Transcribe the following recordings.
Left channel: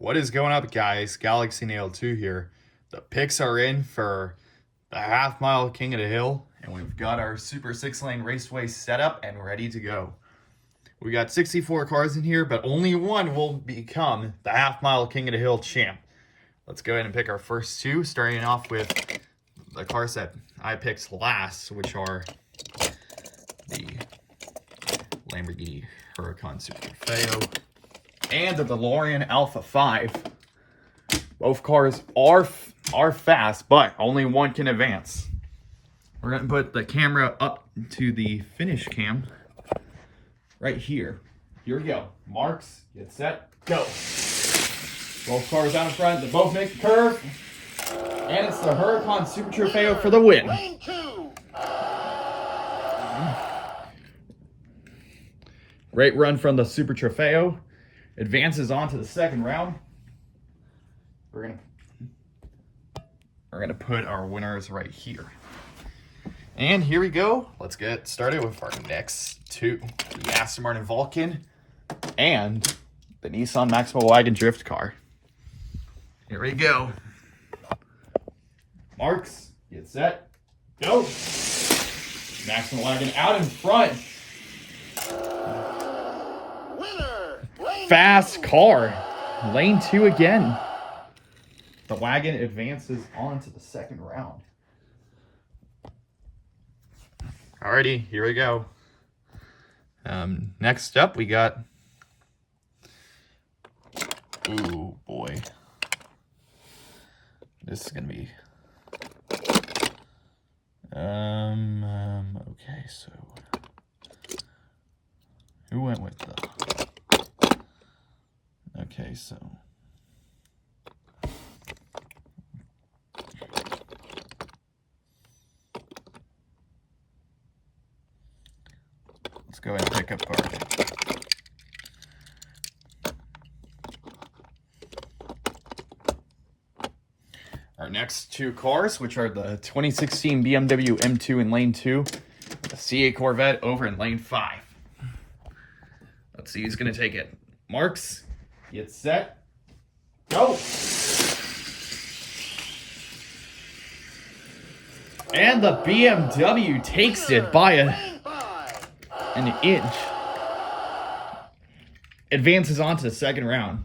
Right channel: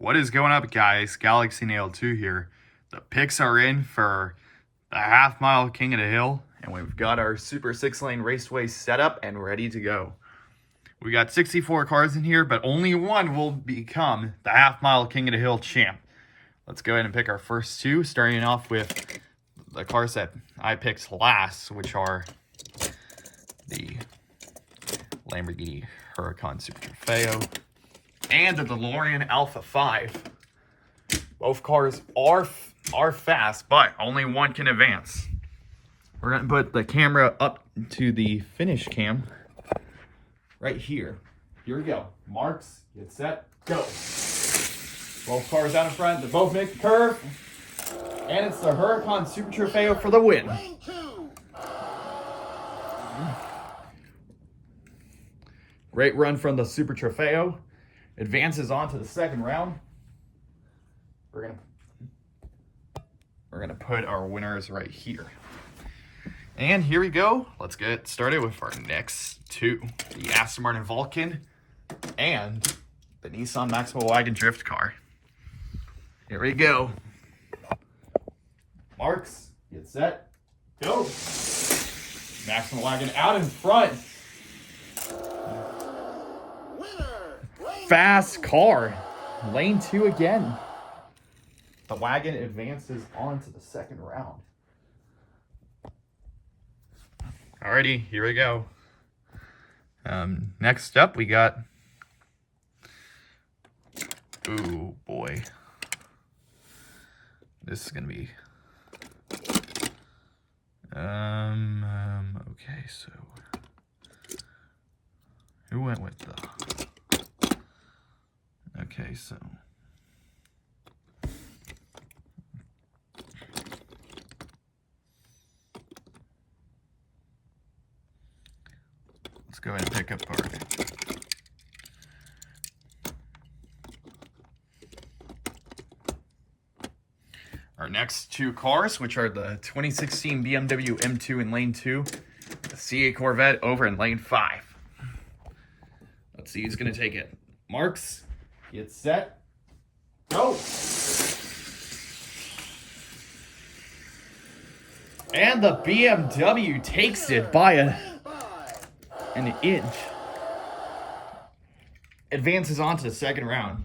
What is going up, guys? Galaxy Nail 2 here. The picks are in for the half-mile King of the Hill, and we've got our Super 6-lane raceway set up and ready to go. We got 64 cars in here, but only one will become the half-mile King of the Hill champ. Let's go ahead and pick our first two, starting off with the cars that I picked last, which are the Lamborghini Huracan Super Trofeo and the DeLorean Alpha 5. Both cars are fast, but only one can advance. We're going to put the camera up to the finish cam right here. Here we go. Marks, get set, go. Both cars out in front. They both make the curve. And it's the Huracan Super Trofeo for the win. Great run from the Super Trofeo. Advances on to the second round. We're gonna put our winners right here. And here we go. Let's get started with our next two. The Aston Martin Vulcan and the Nissan Maxima Wagon Drift car. Here we go. Marks, get set, go. Maxima Wagon out in front. Fast car. Lane 2 again. The wagon advances on to the second round. Alrighty, here we go. Next up, we got... Ooh, boy. This is going to be... Okay, so... Who went with the... Okay, so... Let's go ahead and pick up our next two cars, which are the 2016 BMW M2 in lane 2, the C8 Corvette over in lane 5. Let's see who's going to take it. Marks, get set, go! And the BMW takes it by an inch. Advances on to the second round.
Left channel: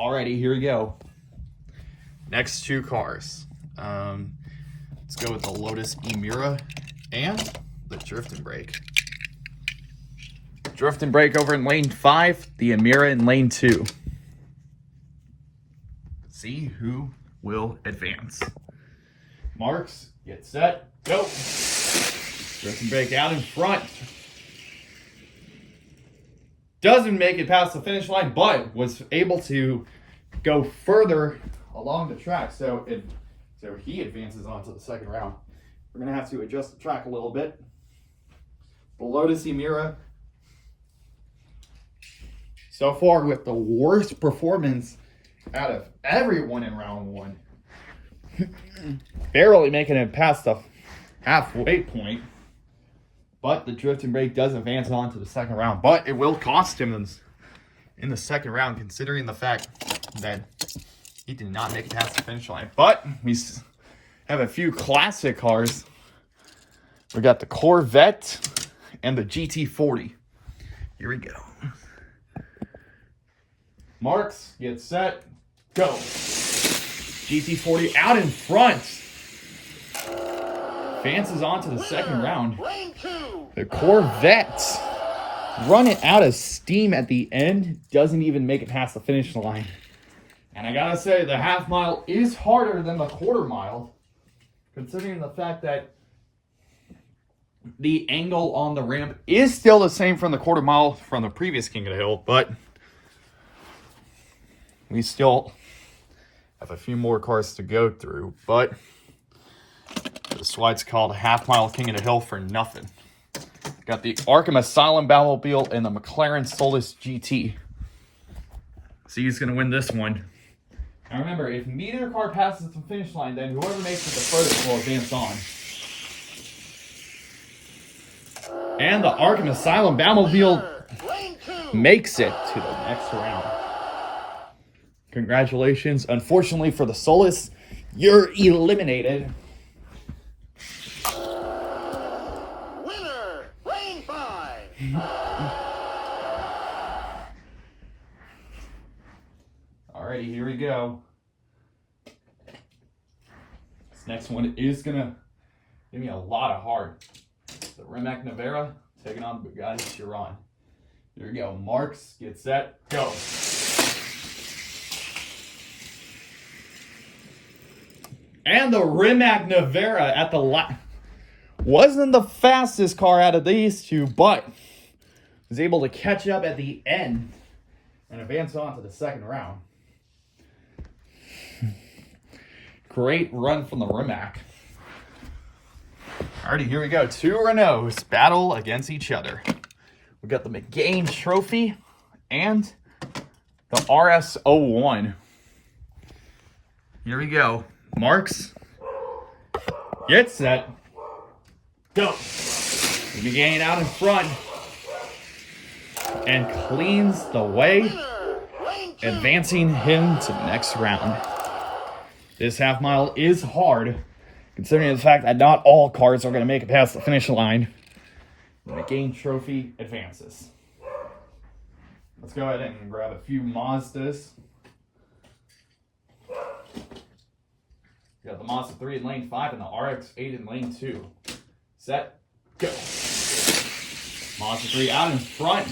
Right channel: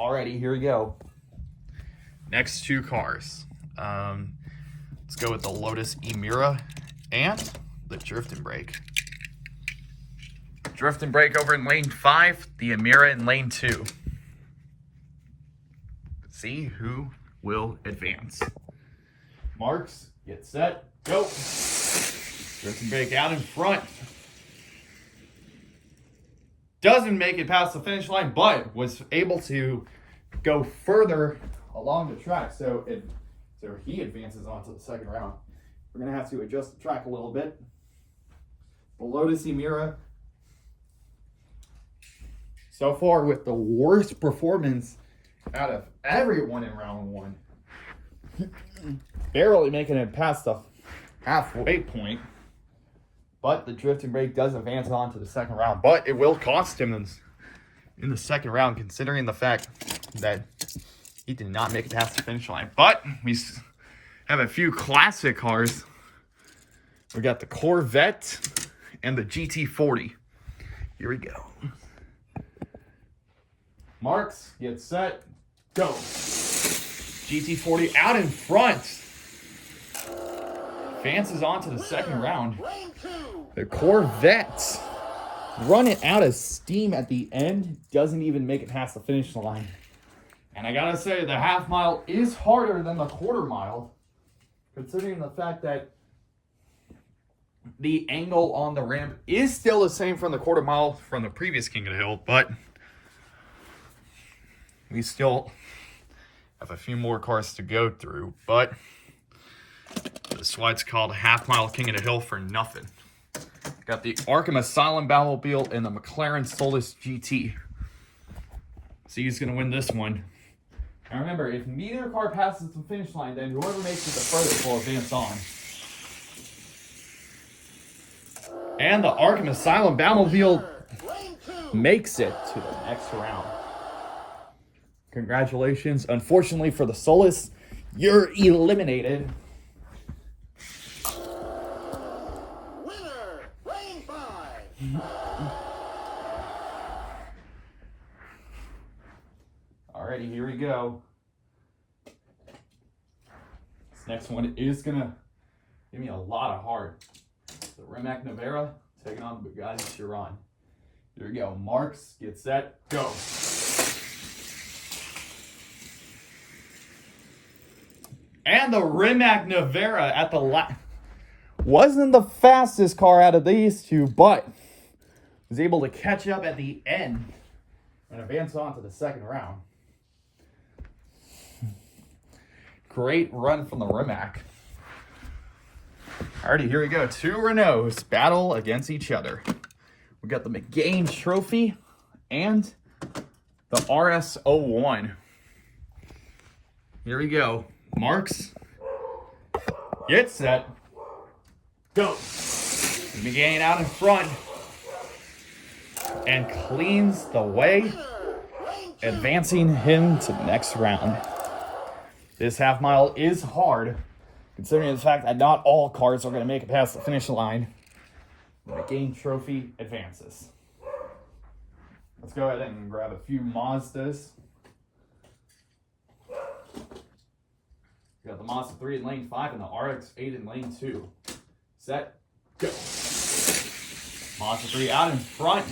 Alrighty, here we go. Next two cars. Let's go with the Lotus Emira and the Drift and Brake. Drift and Brake over in lane 5, the Emira in lane 2. Let's see who will advance. Marks, get set, go. Drift and Brake out in front. Doesn't make it past the finish line, but was able to go further along the track. So he advances on to the second round. We're going to have to adjust the track a little bit. The Lotus Emira, so far with the worst performance out of everyone in round 1. Barely making it past the halfway point. But the Drift and Brake does advance on to the second round. But it will cost him in the second round, considering the fact that he did not make it past the finish line. But we have a few classic cars. We got the Corvette and the GT40. Here we go. Marks, get set, go. GT40 out in front. Advances on to the second round. The Corvette running out of steam at the end. Doesn't even make it past the finish line. And I gotta say, the half mile is harder than the quarter mile, considering the fact that the angle on the ramp is still the same from the quarter mile from the previous King of the Hill, but we still have a few more cars to go through. But that's why it's called Half Mile King of the Hill for nothing. Got the Arkham Asylum Batmobile and the McLaren Solus GT. See who's going to win this one. Now remember, if neither car passes the finish line, then whoever makes it the furthest will advance on. And the Arkham Asylum Batmobile makes it to the next round. Congratulations. Unfortunately for the Solus, you're eliminated. Winner, Lane 5. Alrighty, here we go. This next one is gonna give me a lot of heart. The Rimac Nevera taking on the Bugatti Chiron. Here we go. Marks, get set, go. And the Rimac Nevera at the wasn't the fastest car out of these two, but was able to catch up at the end and advance on to the second round. Great run from the Rimac. Alrighty, here we go. Two Renaults battle against each other. We got the McGain Trophy and the RS01. Here we go. Marks, get set, go. McGain out in front and cleans the way, advancing him to the next round. This half mile is hard, considering the fact that not all cars are going to make it past the finish line. The McGain Trophy advances. Let's go ahead and grab a few Mazdas. We got the Mazda 3 in lane 5 and the RX-8 in lane 2. Set, go. Mazda 3 out in front.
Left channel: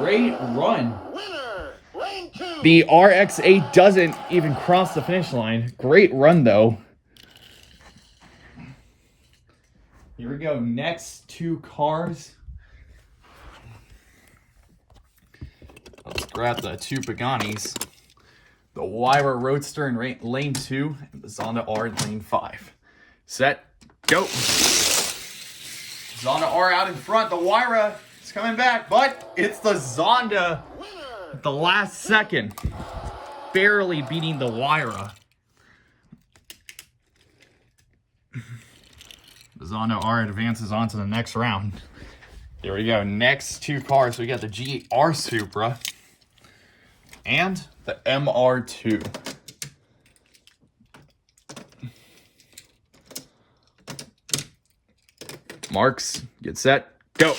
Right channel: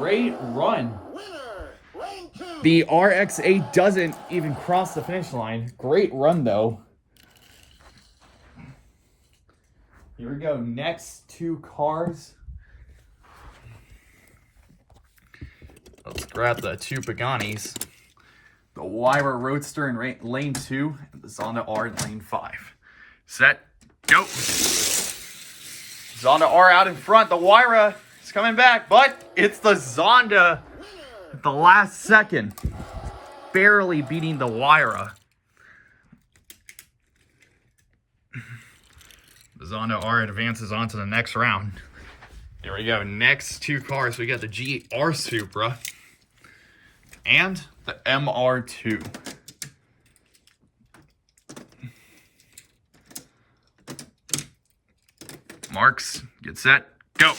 Great run. Winner, lane 2. The RX-8 doesn't even cross the finish line. Great run, though. Here we go. Next two cars. Let's grab the two Pagani's. The Wyra Roadster in lane 2 and the Zonda R in lane 5. Set, go. Zonda R out in front. The Wyra is coming back, but it's the Zonda at the last second, barely beating the Wyra. The Zonda R advances on to the next round. Here we go. Next two cars. We got the GR Supra and the MR2. Marks, get set, go. GR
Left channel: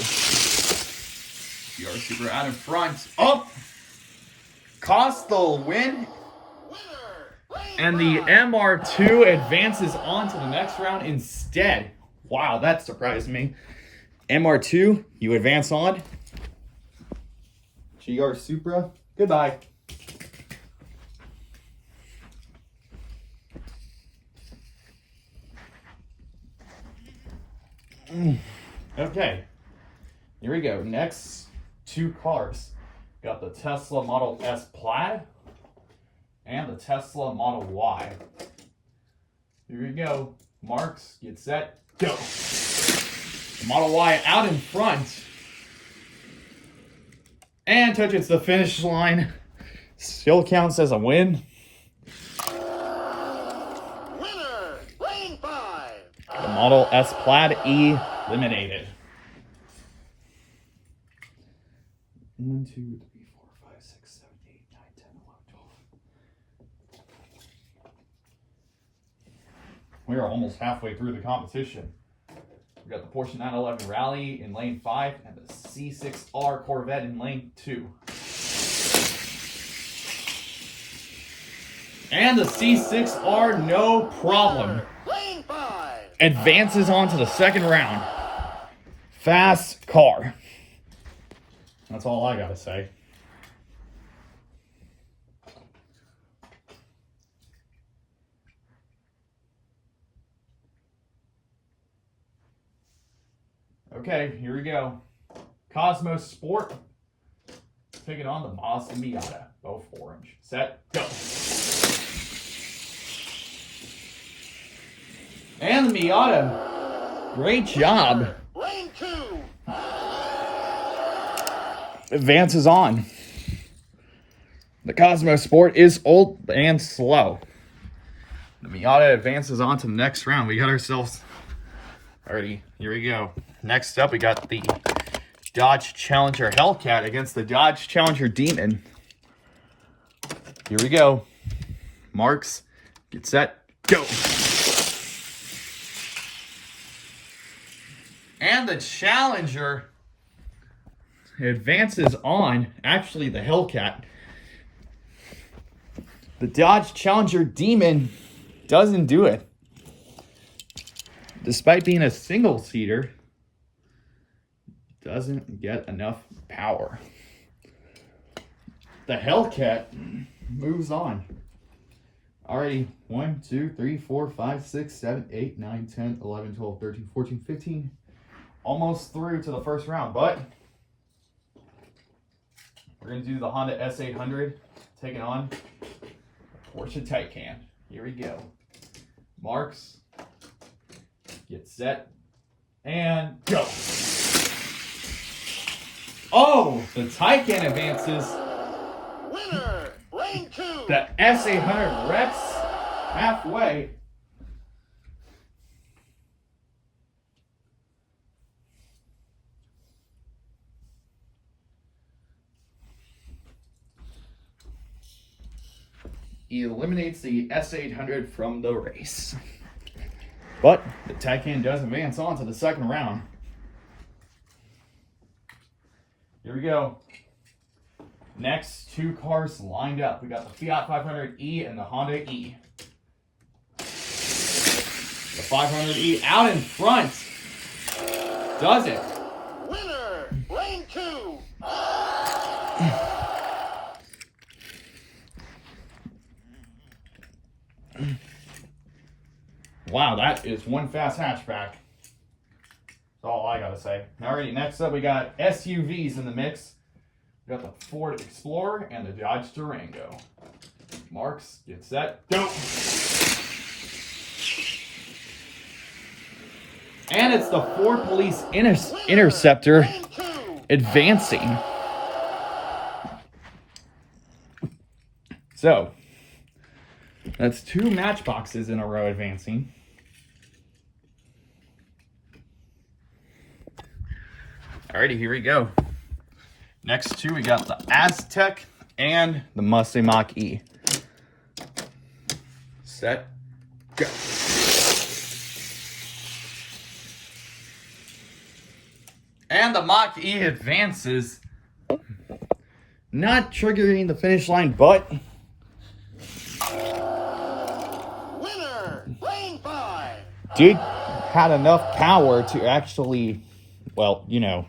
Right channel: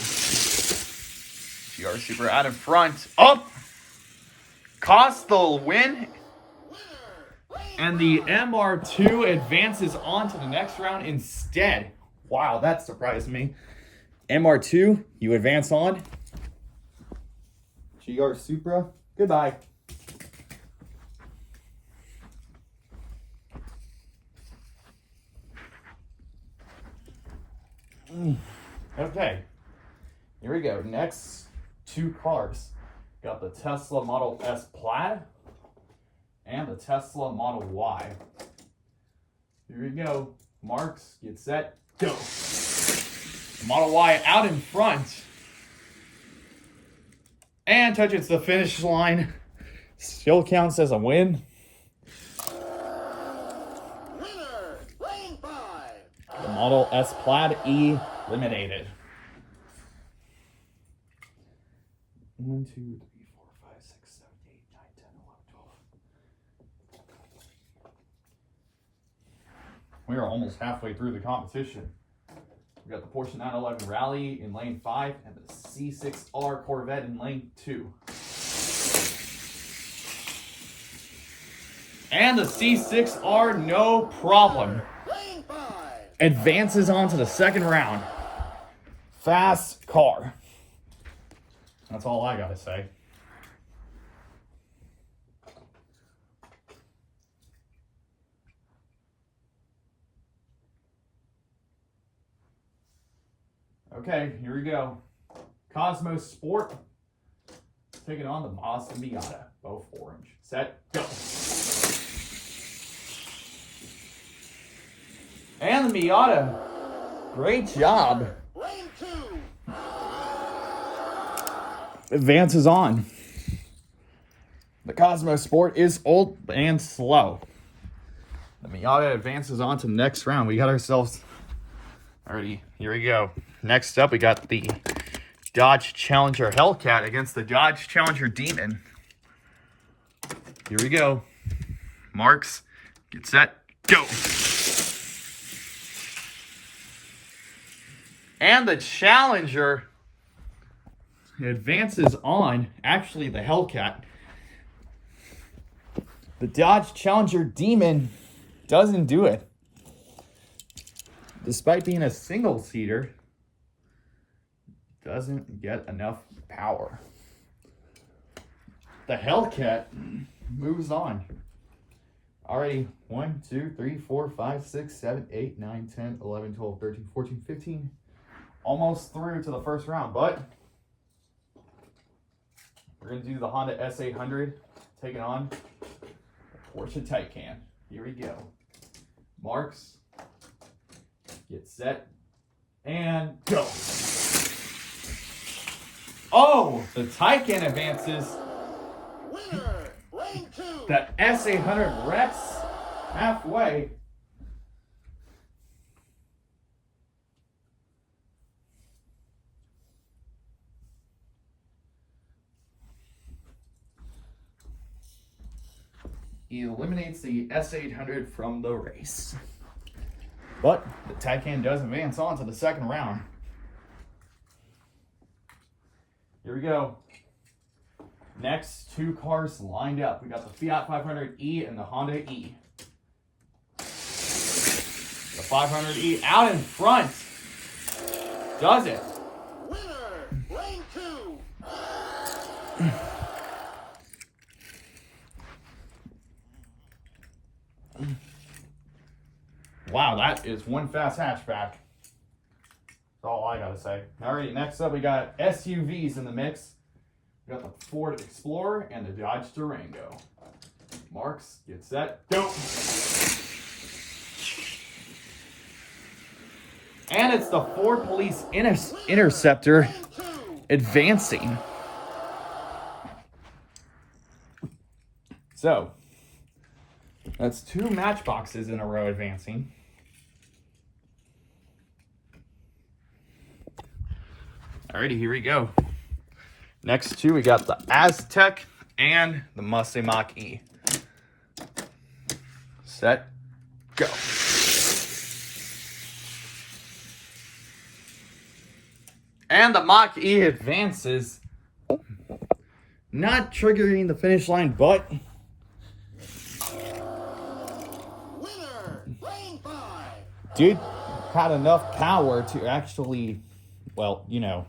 Supra out in front. Up! Cost the win. And the MR2 advances on to the next round instead. Wow, that surprised me. MR2, you advance on. GR Supra, goodbye. Okay, here we go. Next two cars. Got the Tesla Model S Plaid and the Tesla Model Y. Here we go. Marks, get set, go. Model Y out in front. And touches the finish line. Still counts as a win. Winner, lane 5. The Model S Plaid eliminated. 1, 2, 3, 4, 5, 6, 7, 8, 9, 10, 11, 12. We are almost halfway through the competition. We got the Porsche 911 Rally in lane 5 and the C6R Corvette in lane 2. And the C6R, no problem, Lane 5. advances on to the second round. Fast car. That's all I gotta say. Okay, here we go. Cosmos Sport. Taking on the Mazda Miata. Both orange. Set, go. And the Miata. Great job. Lane 2. Advances on. The Cosmos Sport is old and slow. The Miata advances on to the next round. We got ourselves already. Here we go. Next up, we got the Dodge Challenger Hellcat against the Dodge Challenger Demon. Here we go. Marks, get set, go. And the Challenger advances on, actually the Hellcat. The Dodge Challenger Demon doesn't do it. Despite being a single-seater, doesn't get enough power. The Hellcat moves on. Already 1, 2, 3, 4, 5, 6, 7, 8, 9, 10, 11, 12, 13, 14, 15. Almost through to the first round, but we're going to do the Honda S800, taking on Porsche Taycan. Here we go. Marks, get set, and go. Oh, the Taycan advances. Winner, lane 2. The S800 wrecks halfway. He eliminates the S800 from the race. But the Taycan does advance on to the second round. Here we go. Next two cars lined up. We got the Fiat 500e and the Honda E. The 500e out in front. Does it? Winner, lane 2. Wow, that is one fast hatchback. That's all I gotta say. Alrighty, next up we got SUVs in the mix. We got the Ford Explorer and the Dodge Durango. Marks, get set, go! And it's the Ford Police Interceptor Lane 2. advancing. So, that's two matchboxes in a row advancing. Alrighty, here we go. Next two, we got the Aztec and the Mustang Mach-E. Set, go. And the Mach-E advances, not triggering the finish line, but Winner, lane 5. dude had enough power to actually, well, you know,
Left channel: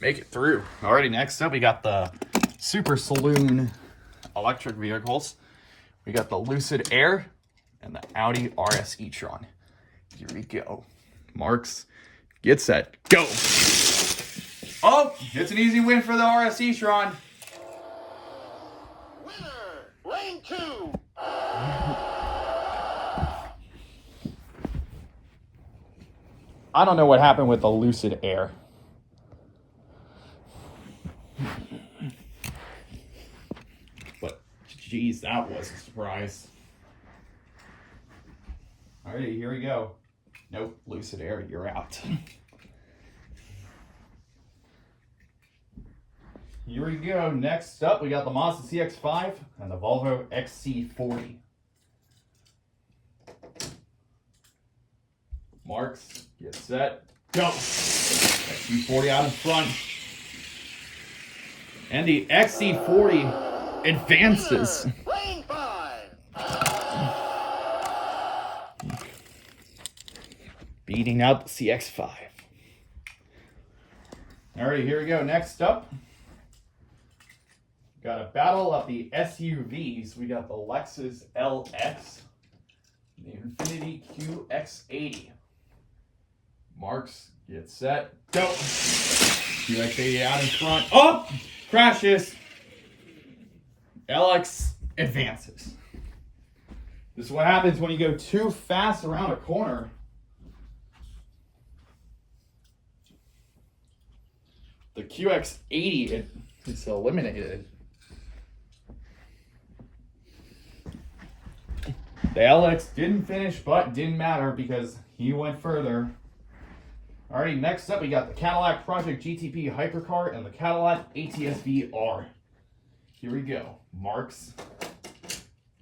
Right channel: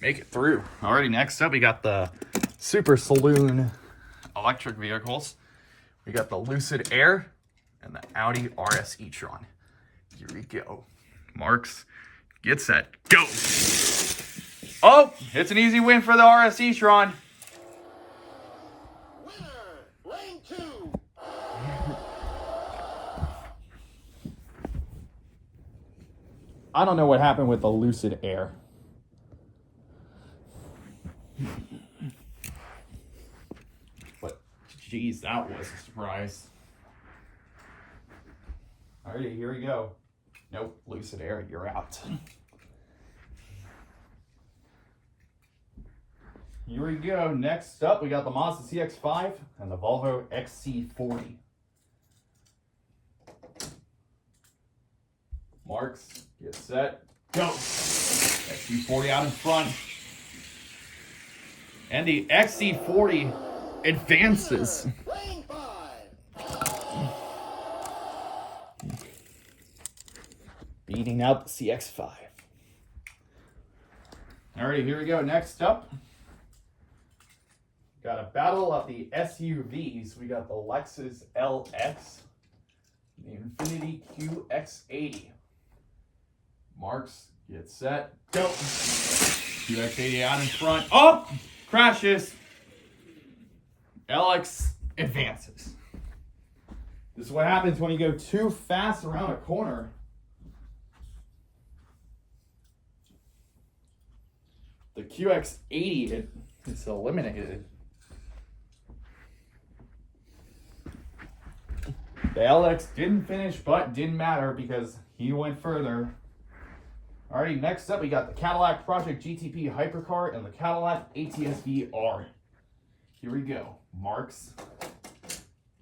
make it through. Alrighty, next up we got the Super Saloon electric vehicles. We got the Lucid Air and the Audi RS e-tron. Here we go. Marks, get set, go. Oh, it's an easy win for the RS e-tron. Winner, lane 2. I don't know what happened with the Lucid Air. But, geez, that was a surprise. Alrighty, here we go. Nope, Lucid Air, you're out. Here we go. Next up, we got the Mazda CX-5 and the Volvo XC40. Marks, get set, go. XC40 out in front. And the XC40 advances. Lane 5. Beating out the CX-5. Alright, here we go. Next up, got a battle of the SUVs. We got the Lexus LX, the Infiniti QX80. Marks, get set, go. QX80 out in front. Oh! Crashes. LX advances. This is what happens when you go too fast around a corner. The QX80 is eliminated. The LX didn't finish, but didn't matter because he went further. Alrighty, next up we got the Cadillac Project GTP Hypercar and the Cadillac ATS-V R. Here we go. Marks.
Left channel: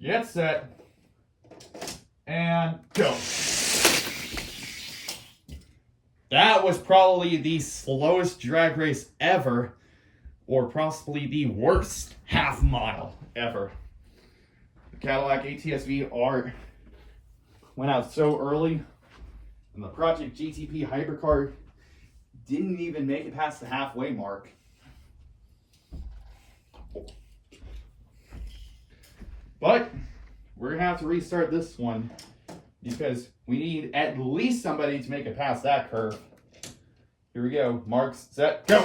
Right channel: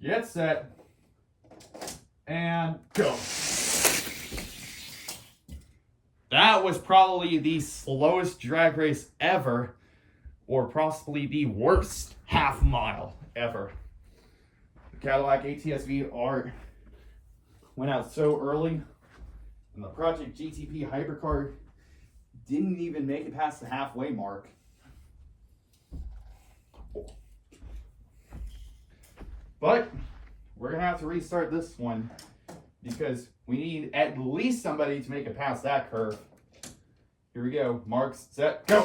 Get set. And go. That was probably the slowest drag race ever, or possibly the worst half mile ever. The Cadillac ATS-V R went out so early, and the Project GTP Hypercar didn't even make it past the halfway mark. But we're going to have to restart this one because we need at least somebody to make it past that curve. Here we go. Marks, set, go.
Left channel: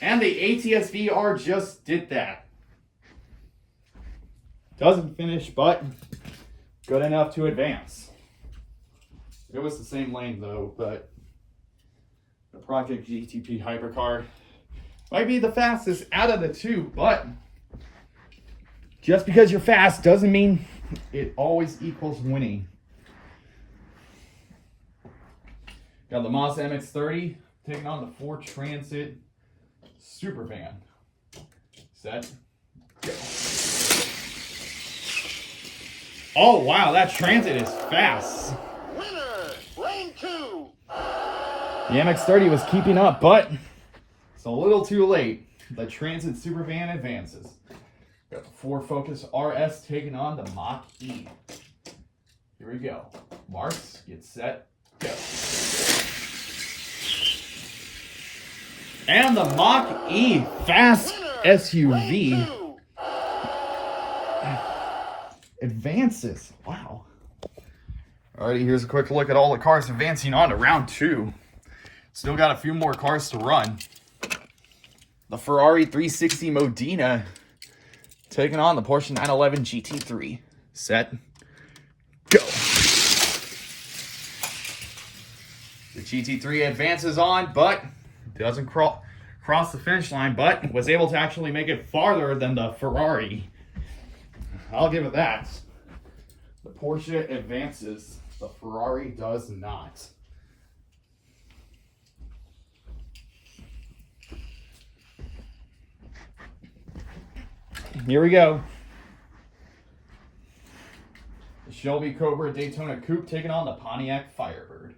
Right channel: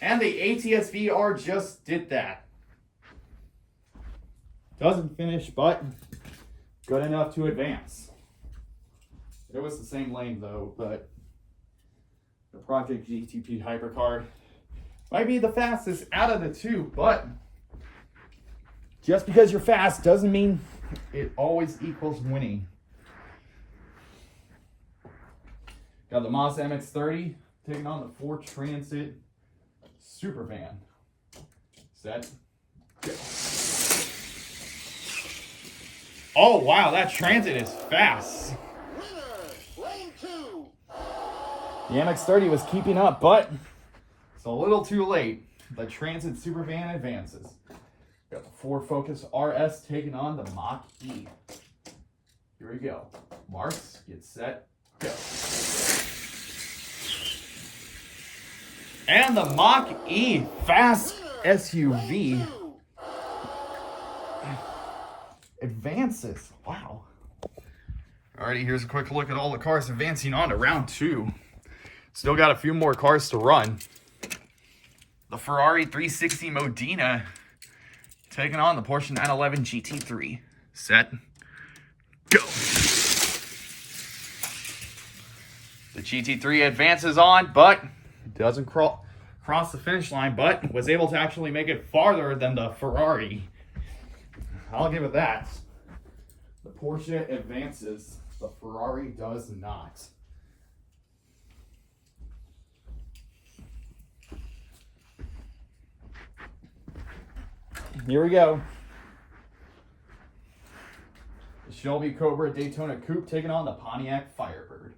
And the ATS-V R just did that. Doesn't finish, but good enough to advance. It was the same lane though, but the Project GTP Hypercar might be the fastest out of the two, but just because you're fast doesn't mean it always equals winning. Got the Mazda MX-30 taking on the Ford Transit Supervan. Set, go. Oh wow, that Transit is fast. Winner, lane 2. The MX-30 was keeping up, but it's a little too late. The Transit Supervan advances. Got the Ford Focus RS taking on the Mach-E. Here we go. Marks, get set, go. And the Mach-E fast Winner, SUV lane 2. advances. Wow. Alrighty, here's a quick look at all the cars advancing on to round 2. Still got a few more cars to run. The Ferrari 360 Modena taking on the Porsche 911 GT3. Set, go. The GT3 advances on, but doesn't cross the finish line, but was able to actually make it farther than the Ferrari. I'll give it that. The Porsche advances, the Ferrari does not. Here we go. The Shelby Cobra Daytona Coupe taking on the Pontiac Firebird.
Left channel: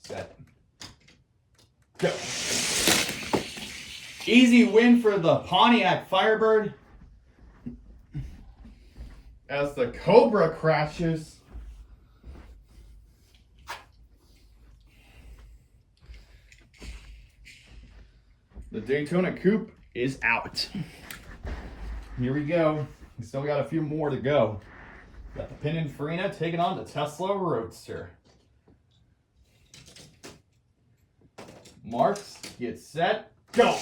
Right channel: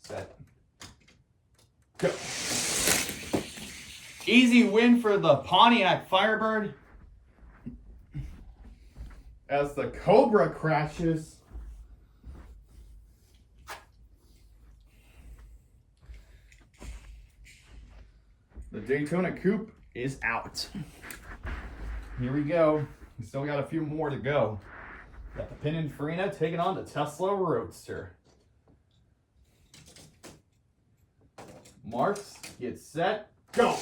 Set, go. Easy win for the Pontiac Firebird as the Cobra crashes. The Daytona Coupe is out. Here we go. We still got a few more to go. Got the Pininfarina taking on the Tesla Roadster. Marks, get set, go.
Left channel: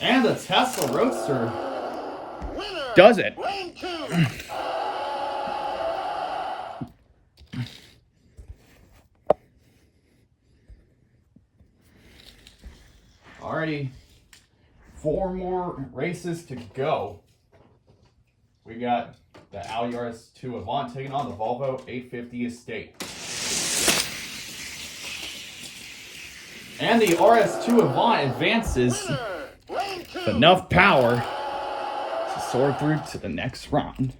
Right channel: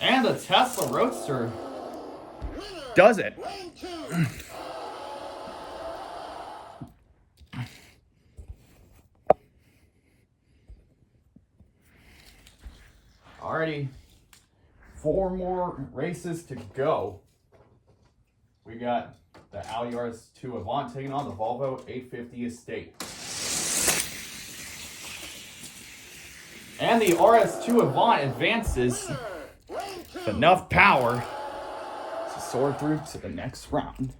And the Tesla Roadster Winner, does it. lane 2. Alrighty, 4 more races to go. We got the Audi RS2 Avant taking on the Volvo 850 Estate. And the RS2 Avant advances Winner, lane 2. with enough power to soar through to the next round.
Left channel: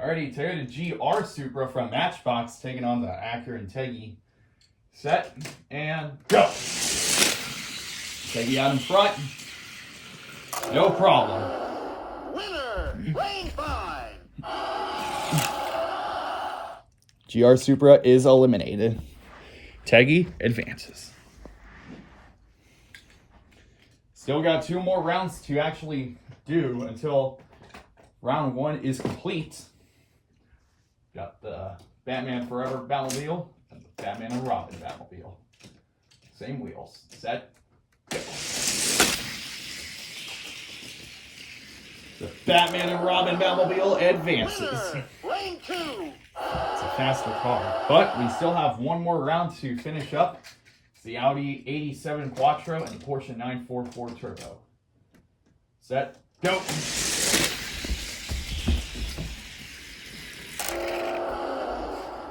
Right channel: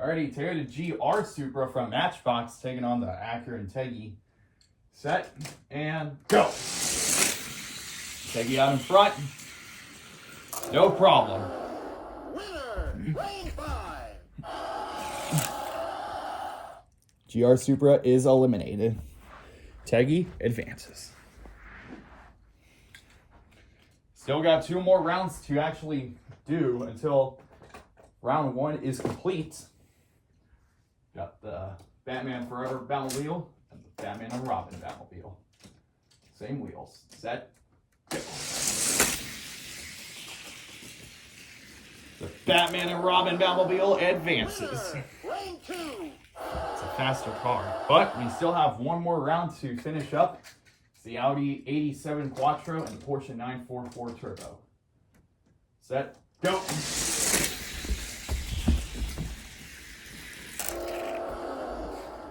Alrighty, Toyota GR Supra from Matchbox taking on the Acura Integra. Set and go. Integra out in front. No problem. Winner, lane 5. GR Supra is eliminated. Teggy advances. Still got 2 more rounds to actually do until round 1 is complete. Got the Batman Forever Batmobile and the Batman and Robin Batmobile. Same wheels. Set, go. The Batman and Robin Batmobile advances. Winner, lane 2. It's a faster car. But we still have 1 more round to finish up It's the Audi 87 Quattro and the Porsche 944 Turbo. Set, go!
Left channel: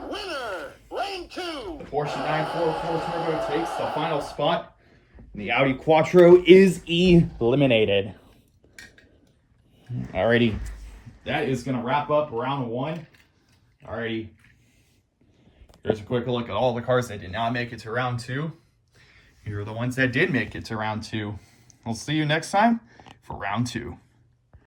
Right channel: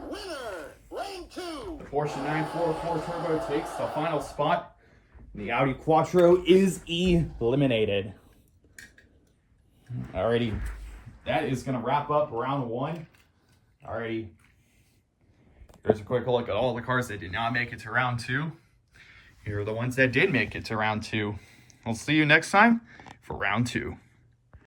Winner! Lane 2! The Porsche 944 Turbo takes the final spot. And the Audi Quattro is eliminated. Alrighty, that is going to wrap up round 1. Alrighty, here's a quick look at all the cars that did not make it to round 2. Here are the ones that did make it to round 2. I'll see you next time for round 2.